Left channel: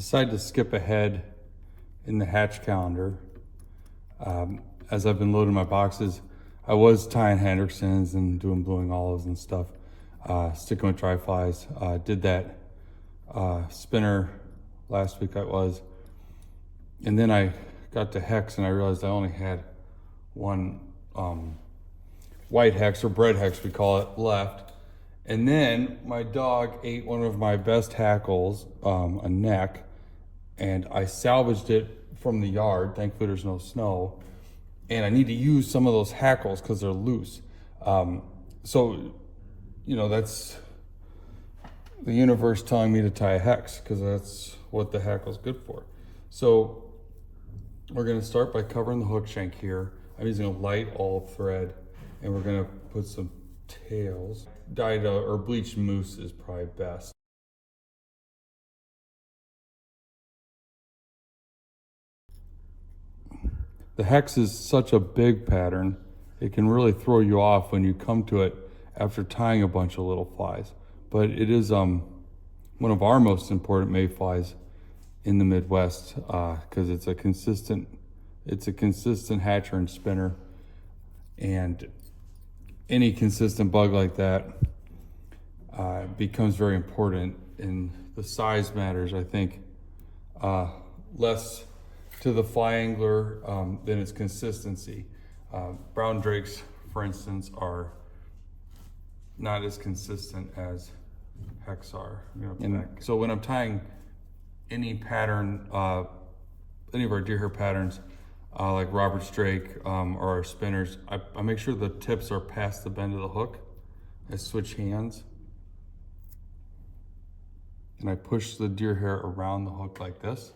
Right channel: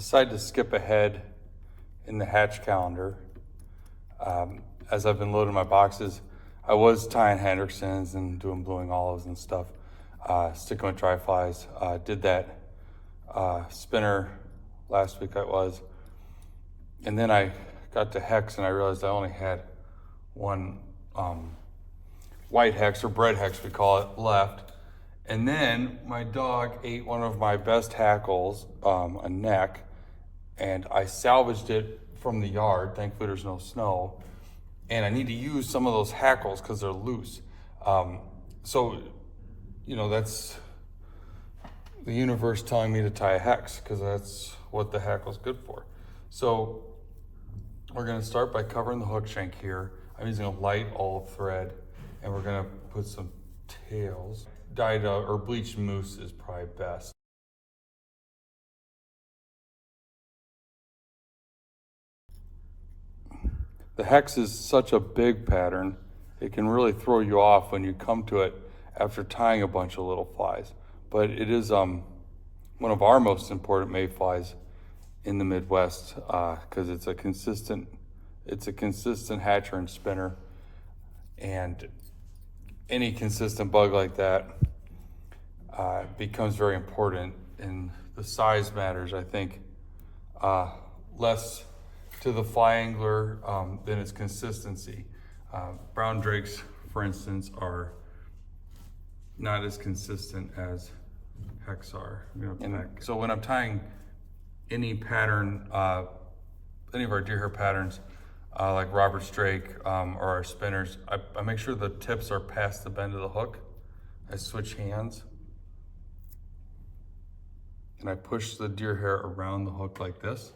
decided to skip ahead in the hatch calendar. As I've been loading my boxes, I was tying Hendricksons and doing bluing olives and stuff, sticking with dry flies. Did that spinner last week and then I got to Hex and I realized I only had one white hex, or bread hex we call it, left. And then my dog ate one of my best hackles, a neck, and I salvaged it from the yard. Thankfully there's no snow. And I need to use some of those hackles because they're loose. So, you know, that's the universe telling me to tie a hex because that's what the hackle's good for. So we're gonna start by covering the hook shank here. I'm using a light olive thread, and we're gonna put some tails. Dyed or bleached moose is probably best. The hex is such a big pattern, it can really throw you off when you come to it after tying a bunch of little flies. But it is one of our most important mayflies in the Midwest because it's a consistent hatcher and spinner, and any consistent bug like that becomes very important, and the size matters, I think, less to the fly angler than its consistency. Brown drakes, for instance, are not as consistent as hex are. So when I'm tying any pattern, any of our deer hair patterns, like Robert's drake or our spinners, I make sure the tips are past the bend of the hook. I switch hands and I push the deer hair around the hook like this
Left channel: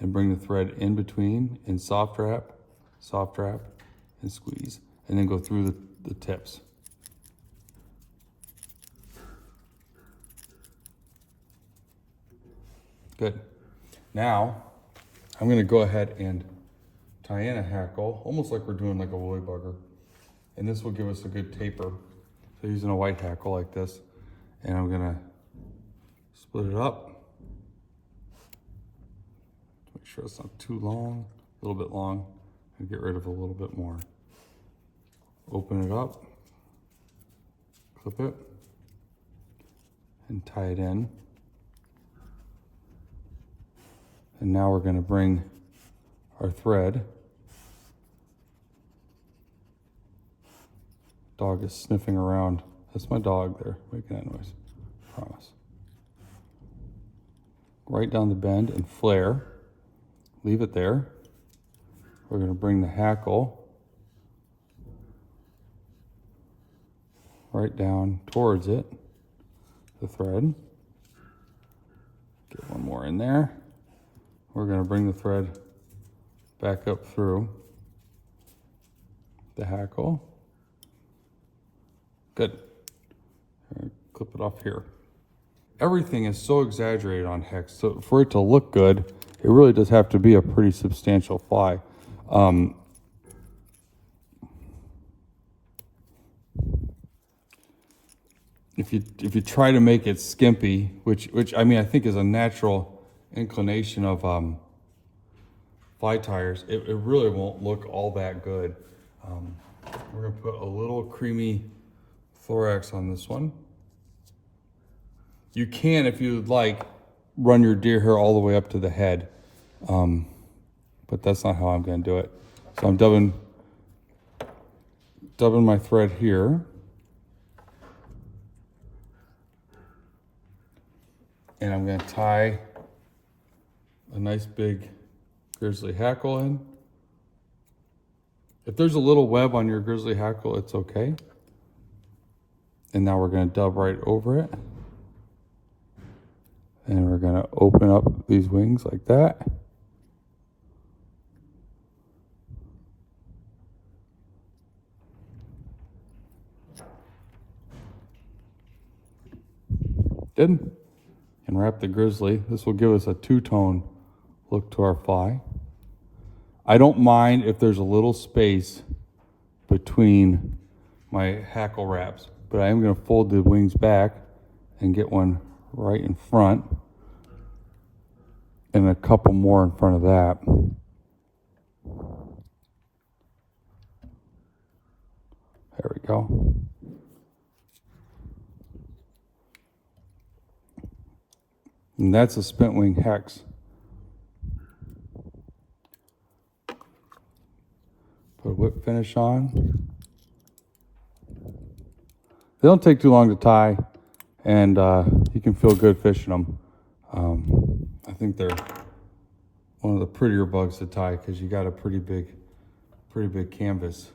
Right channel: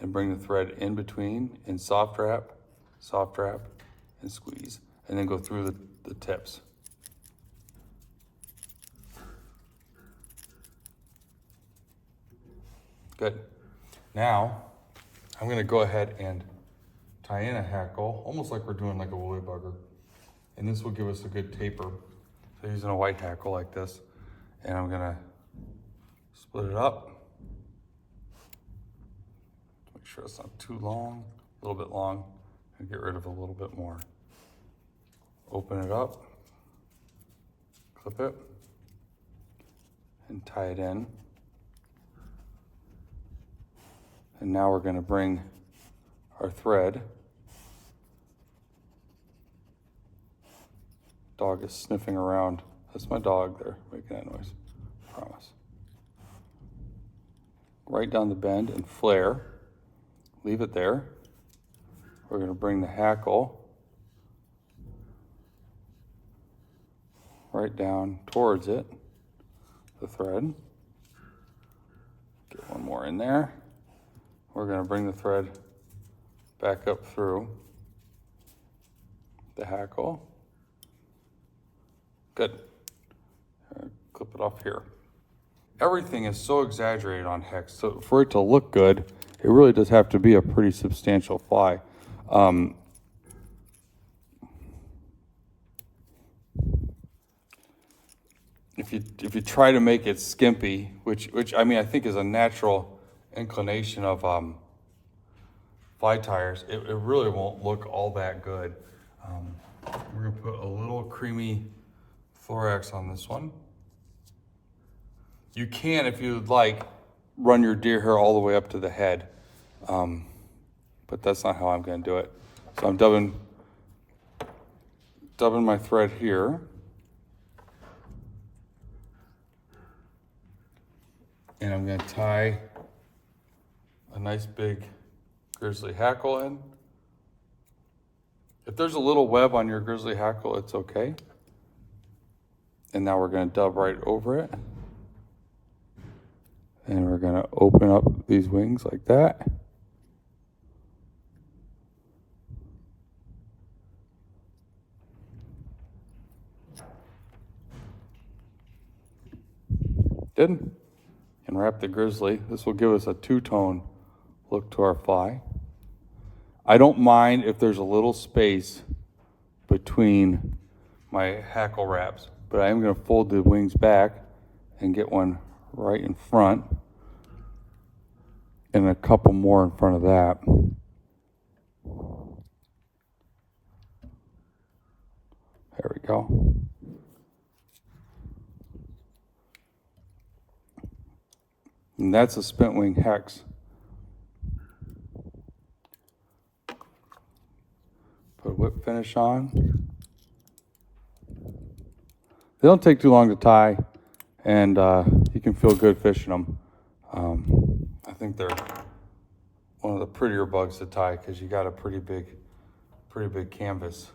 and bring the thread in between and soft wrap, and squeeze, and then go through the tips. Good. Now, I'm gonna go ahead and tie in a hackle, almost like we're doing like a woolly bugger. And this will give us a good taper. So using a white hackle like this, and I'm gonna split it up. Make sure it's not too long, a little bit long, and get rid of a little bit more. Open it up, clip it, and tie it in. And now we're gonna bring our thread. Dog is sniffing around. That's my dog there, making that noise, I promise. Right down the bend and flare. Leave it there. We're gonna bring the hackle right down towards it, the thread. Get one more in there. We're gonna bring the thread back up through the hackle. Good. Clip it off here. Everything is so exaggerated on hex, so for it to look good, it really does have to be a pretty substantial fly. If you try to make it skimpy, which I mean I think is a natural inclination of fly tires, it really won't look all that good. We're gonna put a little creamy thorax on this one. You can, if you'd like, run your deer hair all the way up to the head, but that's not how I'm gonna do it. So I'm dubbing my thread here. And I'm gonna tie a nice big grizzly hackle in. If there's a little web on your grizzly hackle, it's okay. And now we're gonna dub right over it. And we're gonna open up these wings like that. Good. And wrap the grizzly. This will give us a two-tone look to our fly. I don't mind if there's a little space between my hackle wraps, but I am gonna fold the wings back and get one right in front. and a couple more in front of that. There we go. And that's a spent wing hex. Put a whip finish on. They don't take too long to tie, and you can feel good fishing them. I think they're one of the prettier bugs to tie because you got a pretty big canvas.